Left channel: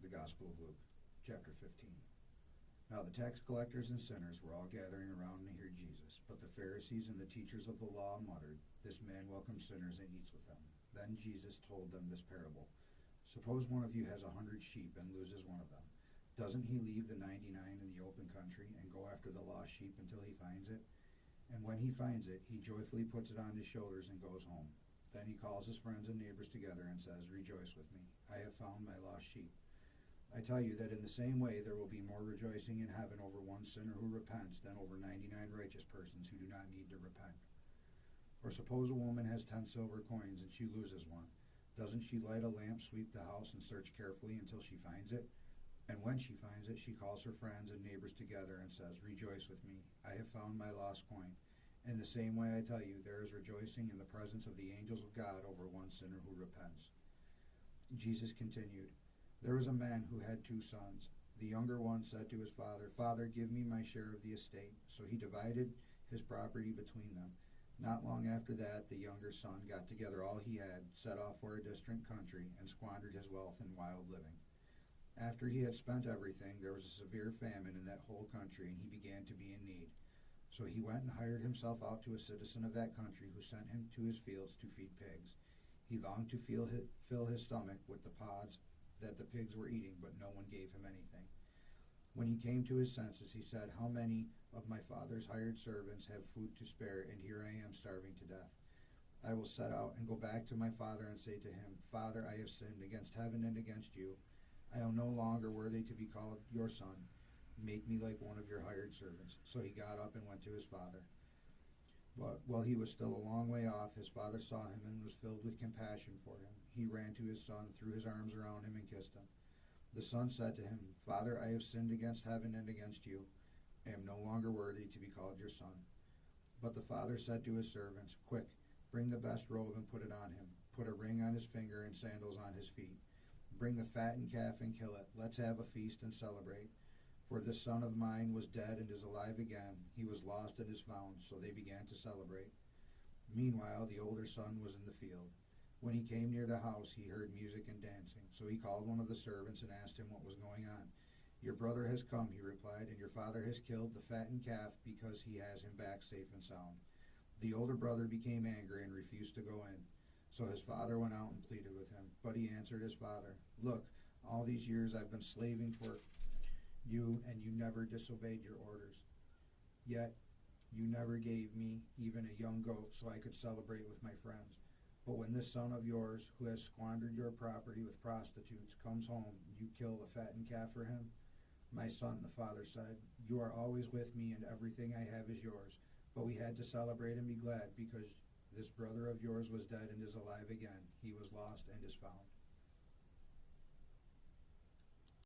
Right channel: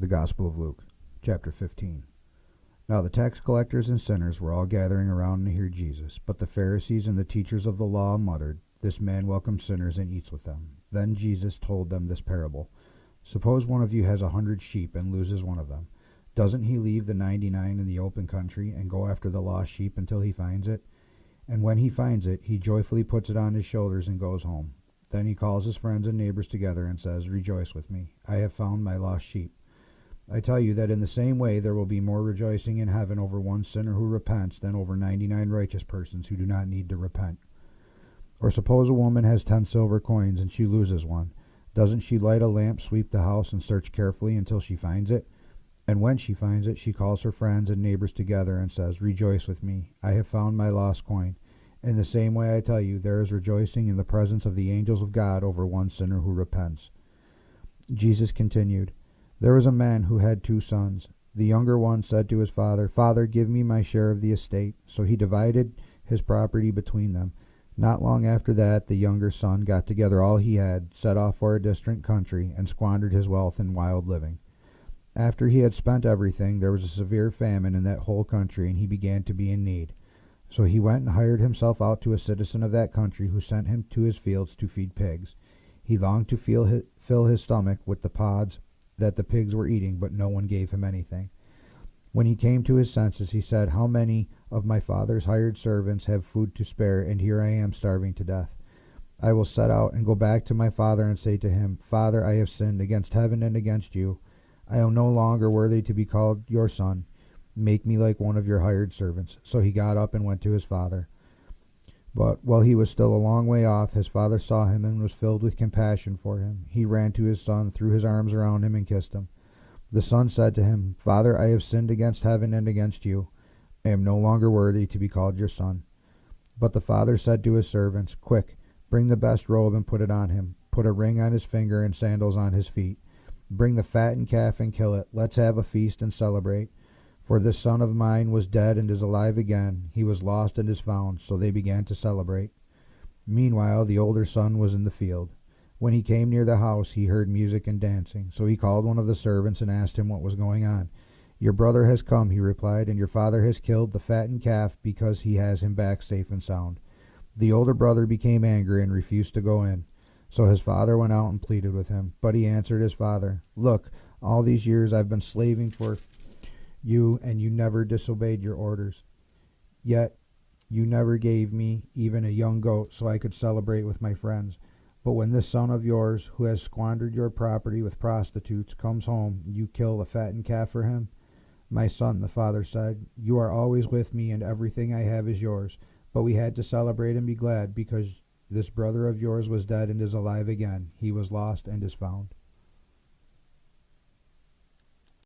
The Gospel of Luke, chapter 15. Now the tax collectors and sinners were all gathering around to hear Jesus, but the Pharisees and the teachers of the law muttered, "This man welcomes sinners and eats with them." Then Jesus told them this parable. Suppose one of you has 100 sheep and loses one of them. Doesn't he leave the 99 in the open country and go after the lost sheep until he finds it? And when he finds it, he joyfully puts it on his shoulders and goes home. Then he calls his friends and neighbors together and says, "Rejoice with me. I have found my lost sheep." I tell you that in the same way there will be more rejoicing in heaven over one sinner who repents than over 99 righteous persons who do not need to repent. Or suppose a woman has 10 silver coins and she loses one. Doesn't she light a lamp, sweep the house, and search carefully until she finds it? And when she finds it, she calls her friends and neighbors together and says, "Rejoice with me. I have found my lost coin." In the same way, I tell you, there is rejoicing in the presence of the angels of God over one sinner who repents. Jesus continued, "There was a man who had 2 sons. The younger one said to his father, 'Father, give me my share of the estate.' So he divided his property between them. Not long after that, the younger son got together all he had, set off for a distant country, and squandered his wealth in wild living. After he had spent everything, there was a severe famine in that whole country, and he began to be in need. So he went and hired himself out to a citizen of that country, who sent him to his fields to feed pigs. He longed to fill his stomach with the pods that the pigs were eating, but no one gave him anything. When he came to his senses, he said, 'How many of my father's hired servants have food to spare, and here I am starving to death? I will set out and go back to my father and say to him, Father, I have sinned against heaven and against you. I am no longer worthy to be called your son. Make me like one of your hired servants.' So he got up and went to his father. But while he was still a long way off, his father saw him and was filled with compassion for him. He ran to his son, threw his arms around him, and kissed him. The son said to him, 'Father, I have sinned against heaven and against you. I am no longer worthy to be called your son.' But the father said to his servants, 'Quick, bring the best robe and put it on him. Put a ring on his finger and sandals on his feet. Bring the fattened calf and kill it. Let's have a feast and celebrate. For this son of mine was dead and is alive again. He was lost and is found.' So they began to celebrate. Meanwhile, the older son was in the field. When he came near the house, he heard music and dancing. So he called one of the servants and asked him what was going on. 'Your brother has come,' he replied, 'and your father has killed the fattened calf because he has him back safe and sound.' The older brother became angry and refused to go in. So his father went out and pleaded with him. But he answered his father, 'Look, all these years I've been slaving for you, and you never disobeyed your orders. Yet you never gave me even a young goat so I could celebrate with my friends. But when this son of yours, who has squandered your property with prostitutes, comes home, you kill a fattened calf for him?' 'My son,' the father said, 'you are always with me, and everything I have is yours. But we had to celebrate and be glad, because this brother of yours was dead and is alive again. He was lost and is found.'"